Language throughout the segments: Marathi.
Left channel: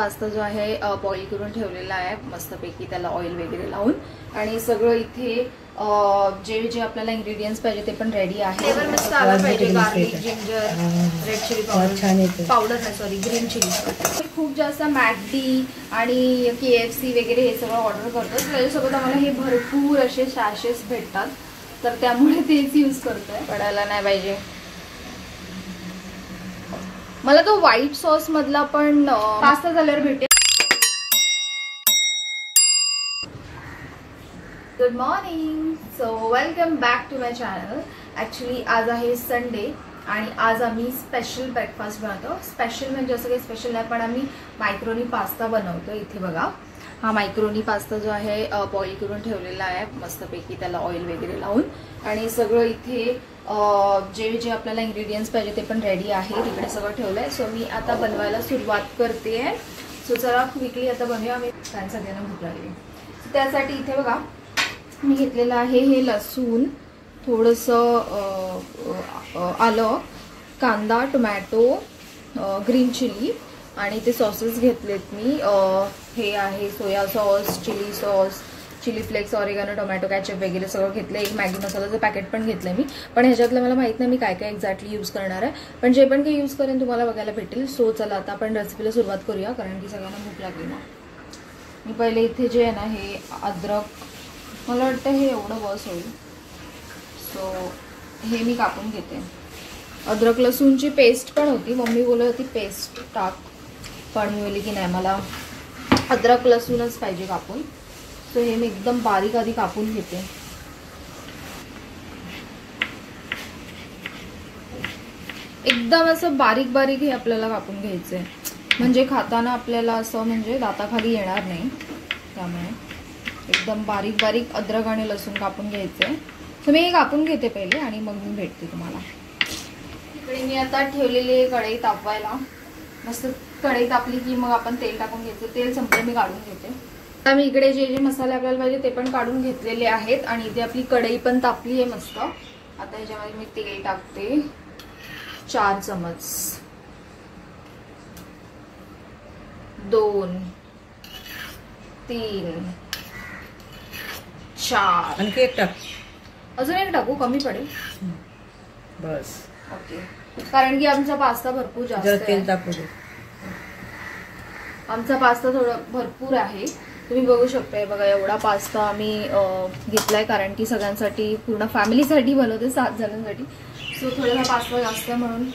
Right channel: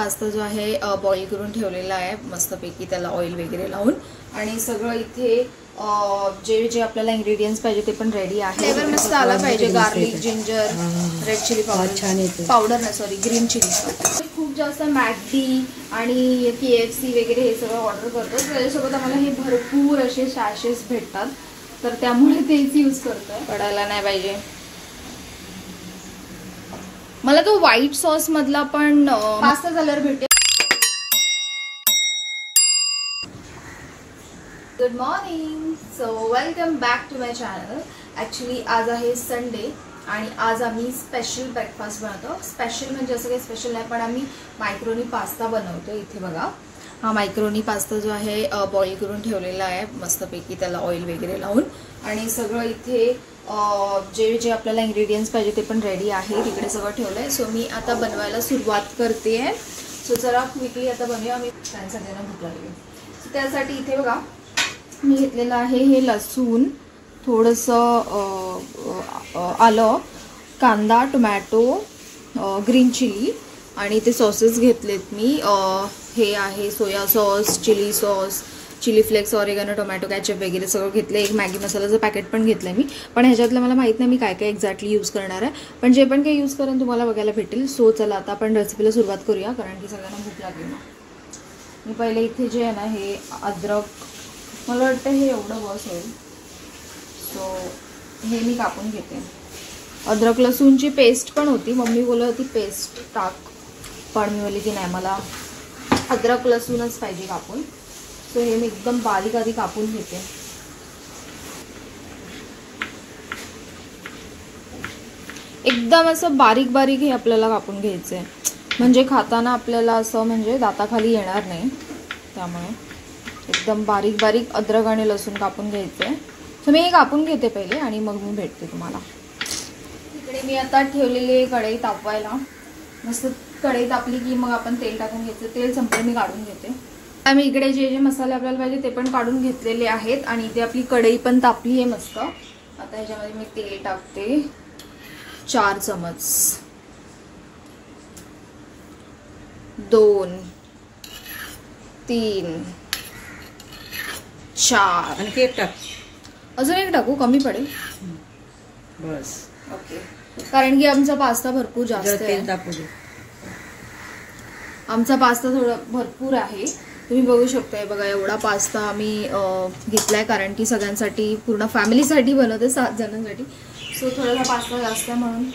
पास्ता जो आहे बॉईल करून ठेवलेला आहे मस्तपैकी, त्याला ऑइल वगैरे लावून. आणि सगळं इथे जे जे आपल्याला इंग्रेडियंट्स पाहिजे ते पण रेडी आहे. फ्लेवर मस्त आला पाहिजे. Garlic, ginger, red chilli powder नाही सॉरी ग्रीन चिली. खूप जास्त मॅकडी आणि KFC वगैरे हे सगळं ऑर्डर करतो. त्याच्यासोबत आम्हाला हे भरपूर असे सॅशेस भेटतात, तर त्यामुळे तेच यूज करतोय. पडायला नाही पाहिजे. मला तो व्हाईट सॉस मधला पण पास्ता झाल्यावर भेटेल. Good morning. So welcome back to my channel. Actually आज आहे संडे आणि आज आम्ही स्पेशल ब्रेकफास्ट बनवतो. स्पेशल म्हणजे असं काही स्पेशल नाही, पण आम्ही मायक्रोनी पास्ता बनवतो. इथे बघा, हा मायक्रोनी पास्ता जो आहे बॉईल करून ठेवलेला आहे मस्तपैकी, त्याला ऑइल वगैरे लावून. आणि सगळं इथे जे जे आपल्याला इंग्रेडियंट्स पाहिजे ते पण रेडी आहे. तिकडे सगळं ठेवलं आहे. सो मी आता बनवायला सुरुवात करते आहे. सो चला क्विकली आता बनवूया. आम्ही सगळ्यांना भूक लागली. सो त्यासाठी इथे बघा मी घेतलेलं आहे हे लसूण, थोडंसं आलं, कांदा, टोमॅटो, ग्रीन चिली आणि ते सॉसेस घेतलेत मी. हे आहे soya sauce, chilli sauce, chilli flakes, oregano, tomato ketchup वगैरे सगळं घेतलं. एक मॅगी मसाल्याचं पॅकेट पण घेतलंय मी, पण ह्याच्यातलं मला माहित नाही मी काय काय एक्झॅक्टली यूज करणार आहे, पण जे पण काही यूज करेन तुम्हाला बघायला भेटेल. सो चला आता आपण रेसिपीला सुरुवात करूया, कारण की सगळ्यांना भूक लागली ना. मी पहिले इथे जे आहे ना हे अद्रक, मला वाटतं हे एवढं बस होईल. सो हे मी कापून घेते. अद्रक लसूणची पेस्ट पण होती, मम्मी बोलत होती पेस्ट टाक, पण मी बोलली की नाही मला अद्रक लसूणच पाहिजे कापून. सो हे मी एकदम बारीक आधी कापून घेते. एकदम असं बारीक बारीक हे आपल्याला कापून घ्यायचंय, म्हणजे खाताना आपल्याला असं म्हणजे दाताखाली येणार नाही. त्यामुळे एकदम बारीक बारीक अद्रक आणि लसूण कापून घ्यायचंय. तर मी हे कापून घेते पहिले आणि मग मी भेटते तुम्हाला. इकडे मी आता ठेवलेले कढई तापवायला. मस्त कढई तापली की मग आपण तेल टाकून घ्यायचं. तेल संपलं मी काढून घेते. आता मी इकडे जे जे मसाले आपल्याला पाहिजे ते पण काढून घेतलेले आहेत आणि इथे आपली कढई पण तापली आहे मस्त. आता ह्याच्यामध्ये मी तेल टाकते 4 चमच, 2, 3, 4 आणखी एक टाक. अजून एक टाकू? कमी पडेल बस. ओके, कारण की आमचा पास्ता भरपूर जास्त आहे. तेल टाकू दे. आमचा पास्ता थोडा भरपूर आहे. तुम्ही बघू शकताय बघा, एवढा पास्ता आम्ही घेतलाय, कारण की सगळ्यांसाठी पूर्ण फॅमिलीसाठी बनवते, 7 जणांसाठी. सो थोडासा पास्ता जास्त आहे म्हणून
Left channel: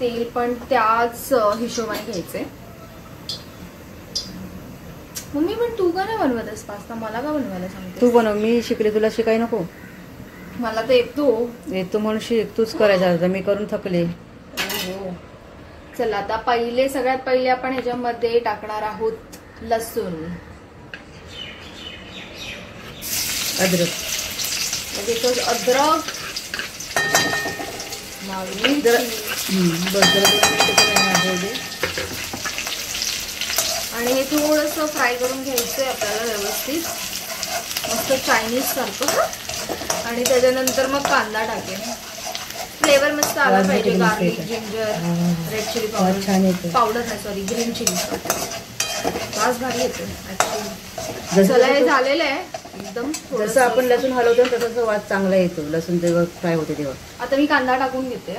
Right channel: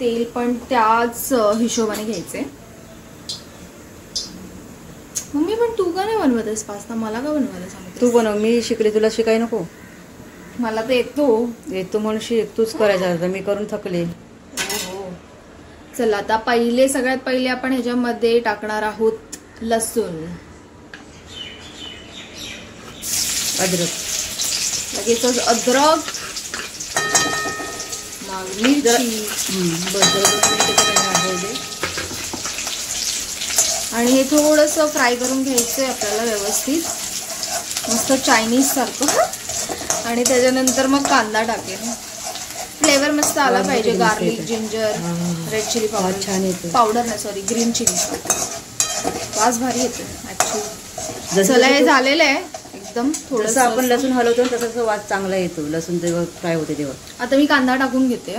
तेल पण त्याच हिशोबाने घ्यायचे. मम्मी पण तू का नाही बनवतेस पास्ता? मला का बनवायला सांगते? तू बनव, मी शिकले, तुला शिकाय नको? मला तर येतो म्हणून शिक, तूच करायचा. मी करून थकले. चला आता सगळ्यात पहिले आपण ह्याच्यामध्ये टाकणार आहोत लसूण, अद्रक, लगेचच अद्रक, आणि हे थोडंसं फ्राय करून घ्यायचंय आपल्याला व्यवस्थित, मस्त चायनीज सारखं. आणि त्याच्यानंतर मग कांदा टाकेल. फ्लेवर मस्त आला पाहिजे. Garlic, ginger, red chilli powder नाही सॉरी ग्रीन चिली. वास भारी येतो ऍक्च्युली. चला हे झालेलं आहे एकदम. जसं आपण लसूण हलवतो तसं वास चांगला येतो लसूण जेव्हा फ्राय होते तेव्हा. आता मी कांदा टाकून घेते.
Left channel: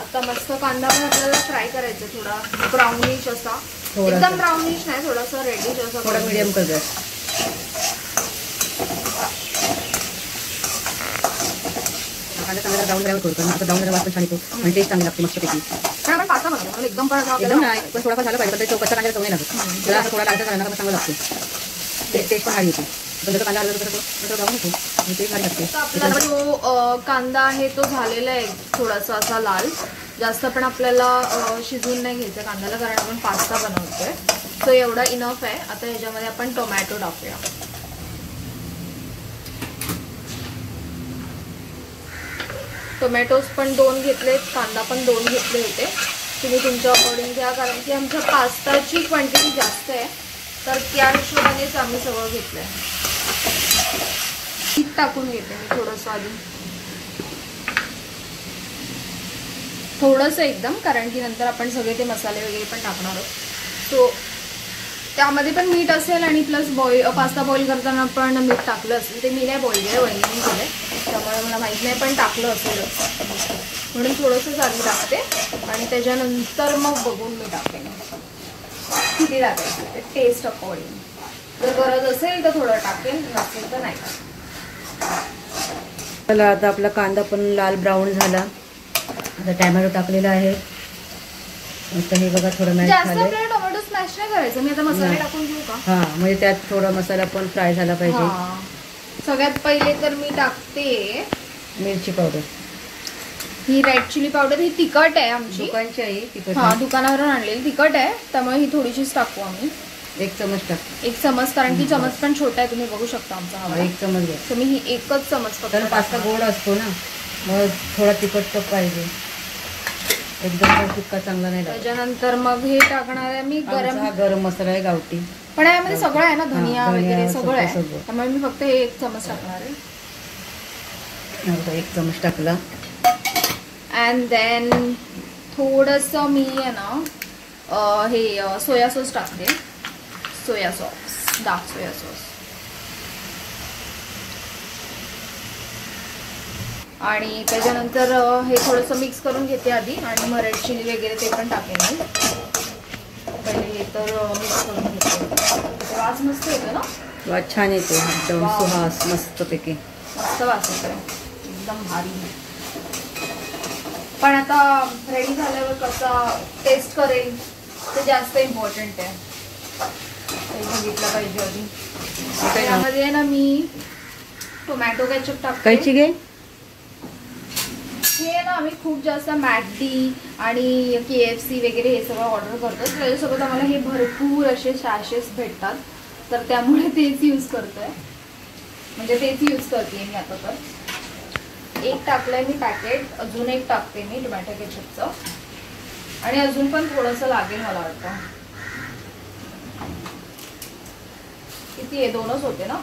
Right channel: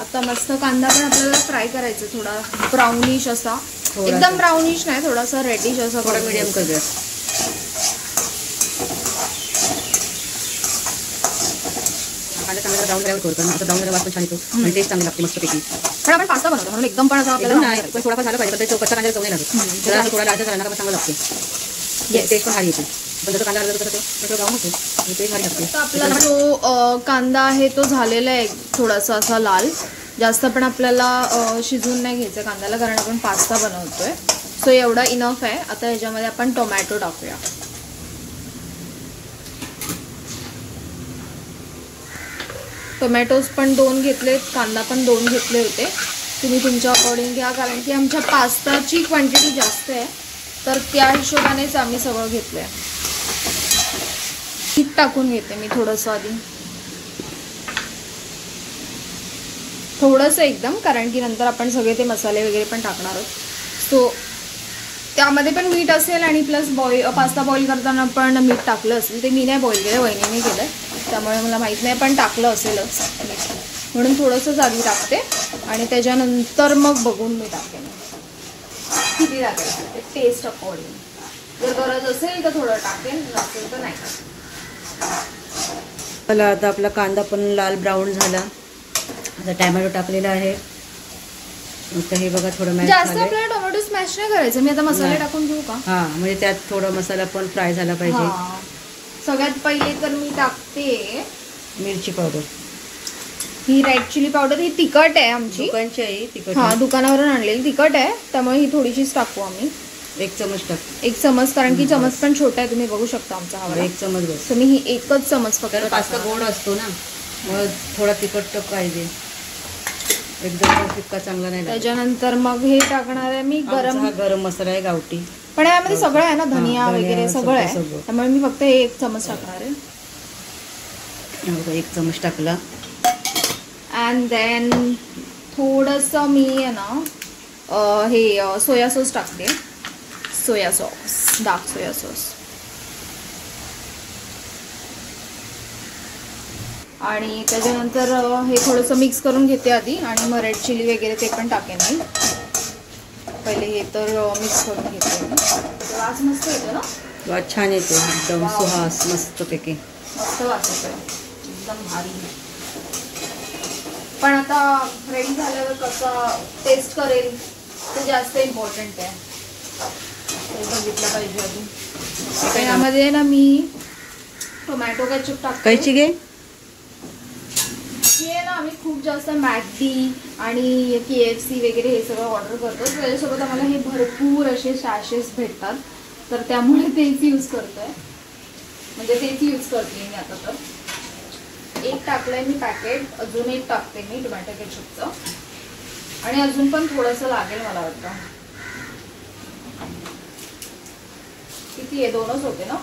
आता मस्त कांदा पण आपल्याला फ्राय करायचा, थोडा ब्राउनिश असा, एकदम ब्राउनिश नाही, थोडासा रेडिश असा, थोडा मीडियम कर द्या. कांदा चांगला ब्राऊन करायला ठेवतो, आता ब्राऊन वास पण छान येतो आणि टेस्ट चांगली लागते मस्तपैकी. पण आपण पास्ता बनवतो म्हणून एकदम पण एकदम नाही, पण थोडाफार झालं पाहिजे. पण कच्चा कांदा चव नाही लागत. जरा थोडा लालचा झाला ना चांगलं लागते, टेस्ट पण भारी येते. पण जसं कांदा हलवतो तसं ब्राऊन होतो आणि टेस्ट भारी लागते. आपल्याला जो कांदा आहे तो झालेला आहे थोडासा असा लाल. जास्त पण आपल्याला शिजवून नाही घ्यायचं कांद्याला, कारण आपण पास्ता बनवतोय. सो एवढा इनफ आहे. आता ह्याच्यामध्ये आपण टोमॅटो टाकूया. टोमॅटोज पण 2 घेतलेत, कांदा पण 2 घेतले होते. तुम्ही तुमच्या अकॉर्डिंग घ्या, कारण की आमच्या पास्ताची क्वांटिटी जास्त आहे, तर त्या हिशोबानेच आम्ही सगळं घेतलंय. मीठ टाकून घेते मी थोडंसं आधी, थोडंसं एकदम, कारण की नंतर आपण सगळे ते मसाले वगैरे पण टाकणार आहोत. सो त्यामध्ये पण मीठ असेल आणि प्लस पास्ता बॉईल करताना पण मीठ टाकलं असेल. ते मी नाही बॉईल केलं, वहिनीने केलंय, त्यामुळे मला माहीत नाही, पण टाकलं असेलच म्हणून थोडंसंच आधी टाकते आणि त्याच्यानंतर मग बघून मी टाकेन किती टाकायचं टेस्ट अकॉर्डिंग. जर गरज असेल तर थोडं टाकेन, नसेल तर नाही टाकेन. चला आता आपला कांदा पण लाल ब्राऊन झाला. आता टॅमॅटो टाकलेला आहे. आता हे बघा थोडं मॅश जास्त झालंय. आपल्याला टोमॅटो स्मॅश नाही करायचं. मी आता मसाले टाकून घेऊ का? हा, म्हणजे त्यात थोडा मसाला पण फ्राय झाला पाहिजे. सगळ्यात पहिले तर मी टाकते मिरची पावडर. ही रेड चिली पावडर. ही तिखट आहे आमची, दुकानची आहे तिखट. हा, दुकानावरून आणलेली तिखट आहे, त्यामुळे ही थोडीशीच टाकू आम्ही. 1 चमच टाक. 1 चमच, कारण की चमच पण छोटा आहे, तुम्ही बघू शकता आमचा हवा. 1 चमच बस. तर मी ही 1च चमच फक्त. पास्ता गोड असतो ना, मग थोडा तिखट तर पाहिजे, एकदम तिखट चांगला नाही लागत. त्याच्यानंतर मग हे टाकणार आहे मी गरम मसाला आहे गावठी, पण यामध्ये सगळं आहे ना, धनिया वगैरे सगळं आहे, सगळं. त्यामुळे मी फक्त हे 1 चमच टाकणार आहे. 1 चमच टाकला. अँड देन थोडंसं मी आहे ना हे सोया सॉस टाकते. Soya sauce, dark soya sauce. आणि त्याच्यानंतर हे थोडंसं मिक्स करून घेते आधी, आणि मग रेड चिली वगैरे ते पण टाकेन मी. पहिले हे तर मिक्स करून घेते. वास मस्त येतो ना, वास छान येतो, एकदम सुहास मस्तपैकी. मस्त वास येतोय, एकदम भारी. पण आता रेडी झाल्यावर कसा टेस्ट करेल ते जास्त इम्पॉर्टंट आहे, ते बघितलं पाहिजे आधी. त्यामध्ये ना मी टोमॅटो केचप टाकते. कायची घे. हे ना आम्ही खूप जास्त मॅकडी आणि KFC वगैरे हे सगळं ऑर्डर करतो, त्याच्यासोबत आम्हाला हे भरपूर असे सॅशेस भेटतात, तर त्यामुळे तेच यूज करतोय, म्हणजे तेच यूज करते मी आता. तर 1 टाकलंय मी पॅकेट, अजून 1 टाकते मी टोमॅटो केचपचं, आणि अजून पण थोडंसं लागेल मला वाटतं. किती आहे, 2च होते ना.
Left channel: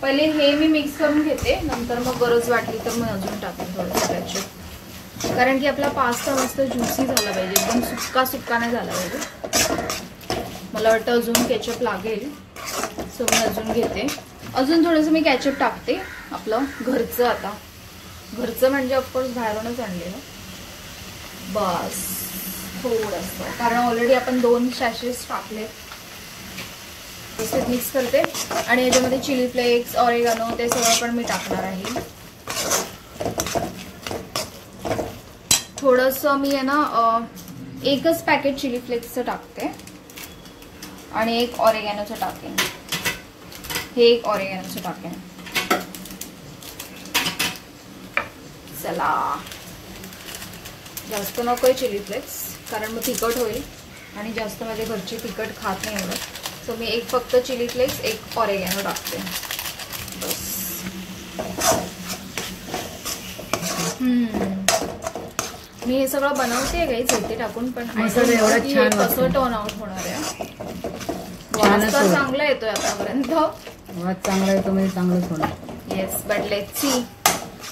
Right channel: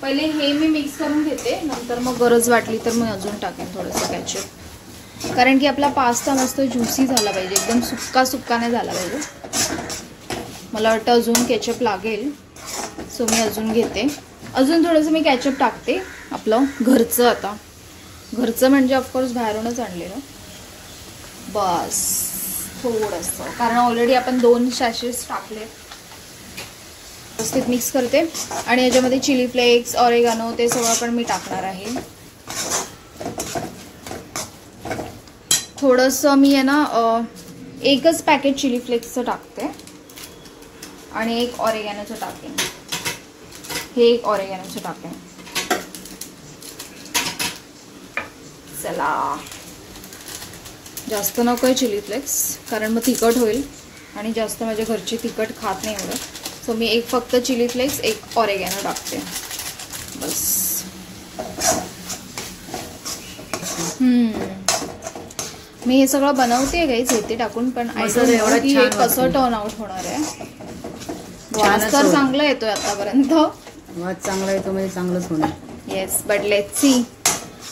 पहिले हे मी मिक्स करून घेते, नंतर मग गरज वाटली तर मी अजून टाकेन थोडंसं केचप, कारण की आपला पास्ता मस्त ज्युसी झाला पाहिजे, एकदम सुक्का नाही झाला पाहिजे. मला वाटतं अजून केचप लागेल, सो मी अजून घेते. अजून थोडंसं मी केचप टाकते, आपलं घरचं. आता घरचं म्हणजे ऑफकोर्स बाहेरूनच आणलेलं. बस थोडंसं, कारण ऑलरेडी आपण 2 सॅशेस टाकले. व्यवस्थित मिक्स करते, आणि याच्यामध्ये चिली फ्लेक्स, ऑरेगानो ते सगळं पण मी टाकणार आहे. थोडंसं मी आहे ना 1च पॅकेट चिली फ्लेक्सचं टाकते, आणि 1 ऑरेगानोचं टाकेन. हे 1 ऑरेगानोचं टाकेन. चला, जास्त नकोय चिली फ्लेक्स, कारण मग तिखट होईल, आणि जास्त माझ्या घरची तिखट खात नाही एवढं. सो मी 1 फक्त चिली फ्लेक्स, 1 ऑरेगानो टाकते, बस. मी हे सगळं बनवते गाईच इथे टाकून, पण कसं टर्न आउट होणार आहे. वास तर चांगला येतोय आतापर्यंत, वास चांगला येतो म्हणजे चांगलंच होणार. येस, बट लेट्स सी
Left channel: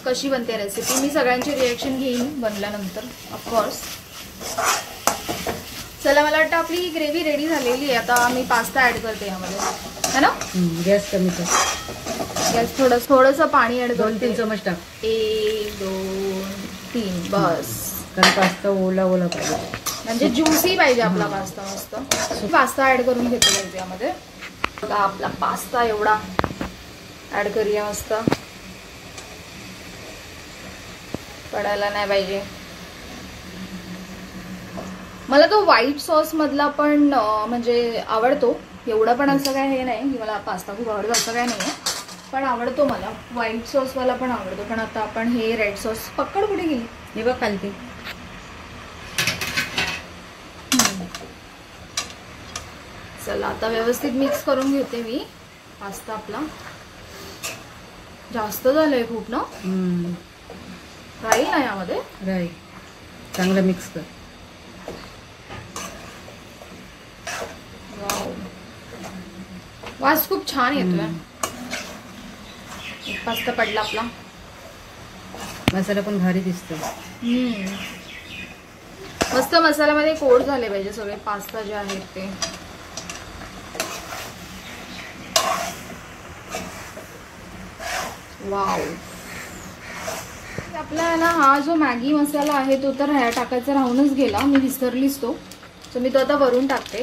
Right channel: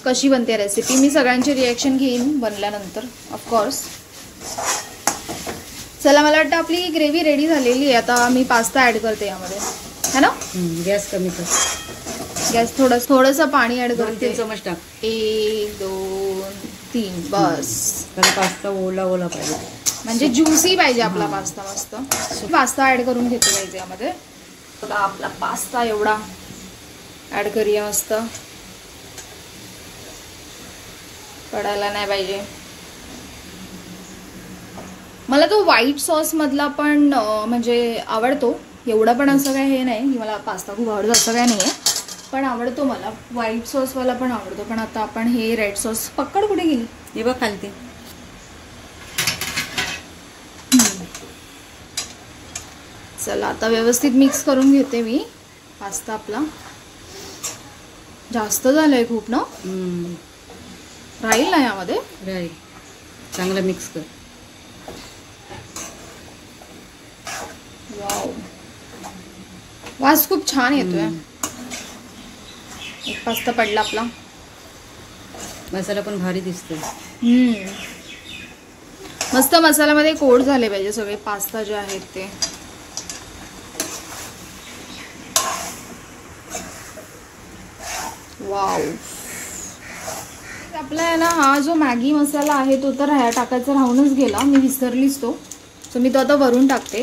कशी बनते रेसिपी. मी सगळ्यांचे रिॲक्शन घेईन बनल्यानंतर ऑफकोर्स. चला, मला वाटतं आपली ग्रेव्ही रेडी झालेली आहे. आता मी पास्ता ऍड करते यामध्ये, है ना. गॅस कमी कर. गॅस थोडंसं पाणी ऍड करते. 2-3 चमच टाक. 1 2 3 बस, कारण पास्ता ओला पाहिजे, म्हणजे ज्युसी पाहिजे आपला पास्ता मस्त. पास्ता ऍड करून घेतो यामध्ये. बघा आपला पास्ता एवढा ऍड करूया, मस्त पडायला नाही पाहिजे. मला तो व्हाईट सॉस मधला पण म्हणजे आवडतो, एवढा पण असं काय हे नाही की मला पास्ता खूप आवडतो असं काय नाहीये, पण आवडतो मला. व्हाईट सॉस वाला पण आवडतो, पण आता आपण हे रेड सॉस. पकड कुठे गेली, हे बघ खालते. चला, आता व्यवस्थित मिक्स करून घेते मी पास्ता आपला. जास्त झालंय खूप ना, राहील ना यामध्ये. राहील, चांगलं मिक्स कर. वास खूप छान येतोय. एक पास्ता पडला आपला. मसाला पण भारी दिसतो. मस्त मसाल्यामध्ये कोट झाले पाहिजे सगळे पास्ता जे आहेत ते. वाव. आपला आहे ना हा जो मॅगी मसाला आहे तो तर ह्या टाकायचा राहूनच गेला, मी विसरलीच तो. सो मी तो आता वरून टाकते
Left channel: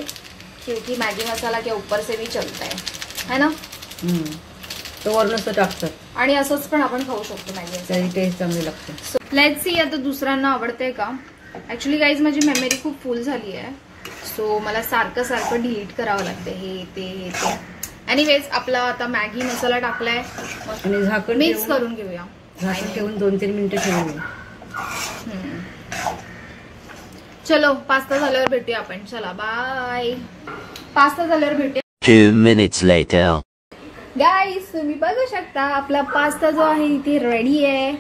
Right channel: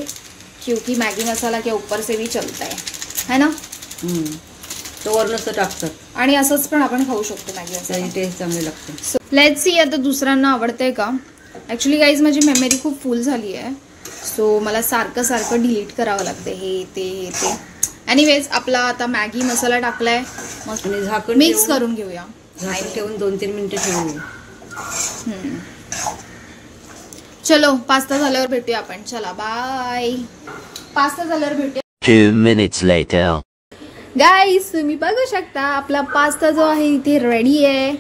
क्योंकि मॅगी मसाला के ऊपर से भी चलता है ना. तो वरूनच तो टाकतात आणि असंच पण आपण खाऊ शकतो मॅगी मसाला, टेस्ट चांगली लागते. सो लेट्स सी आता दुसऱ्यांना आवडतंय का. ॲक्च्युली गाईज माझी मेमरी खूप फुल झाली आहे, सो मला सारखं सारखं डिलीट करावं लागतं हे ते. एनिवेज आपला आता मॅगी मसाला टाकलाय, आणि झाकण मिक्स करून घेऊया. झाकण ठेवून 2-3 मिनिटं ठेवूया. चलो पास्ता झाल्यावर भेटूया आपण. चला बाय. पास्ता झाल्यावर भेटूया. 2 minutes later. गाईस तुम्ही बघू शकता आपला पास्ता जो आहे इथे रेडी आहे.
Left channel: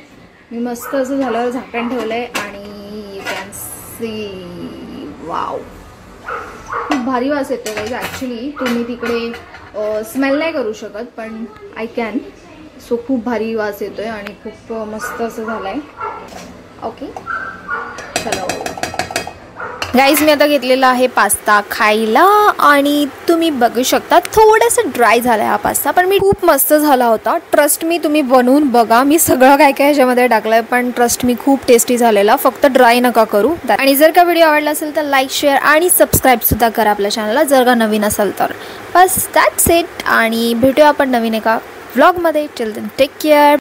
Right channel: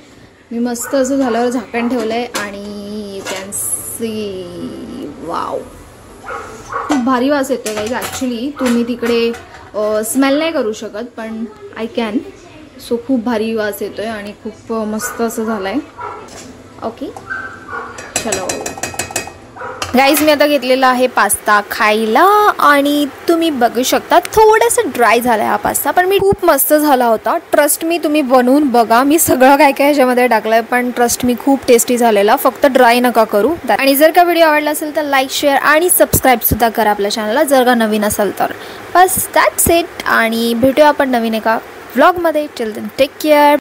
मी मस्त असं झाल्यावर झाकण ठेवलंय आणि कॅन सी वाव खूप भारी वास येते गाईज. ॲक्च्युली तुम्ही तिकडे स्मेल नाही करू शकत पण आय कॅन. सो खूप भारी वास येतोय आणि खूप मस्त असं झालंय. ओके चलो गाईज मी आता घेतलेला आहे पास्ता खायला आणि तुम्ही बघू शकता थोडंसं ड्राय झालं आहे हा पास्ता, पण मी खूप मस्त झाला होता. ट्रस्ट मी, तुम्ही बनवून बघा. मी सगळं काय काय ह्याच्यामध्ये टाकलं आहे पण ट्रस्ट मी खूप टेस्टी झालेला. फक्त ड्राय नका करू. आणि जर का व्हिडिओ आवडला असेल तर लाईक शेअर आणि सबस्क्राईबसुद्धा करा आपल्या चॅनलला जर का नवीन असेल तर. बस दॅट्स इट. आणि भेटूया आपण नवीन एका व्लॉगमध्ये. Till then take care.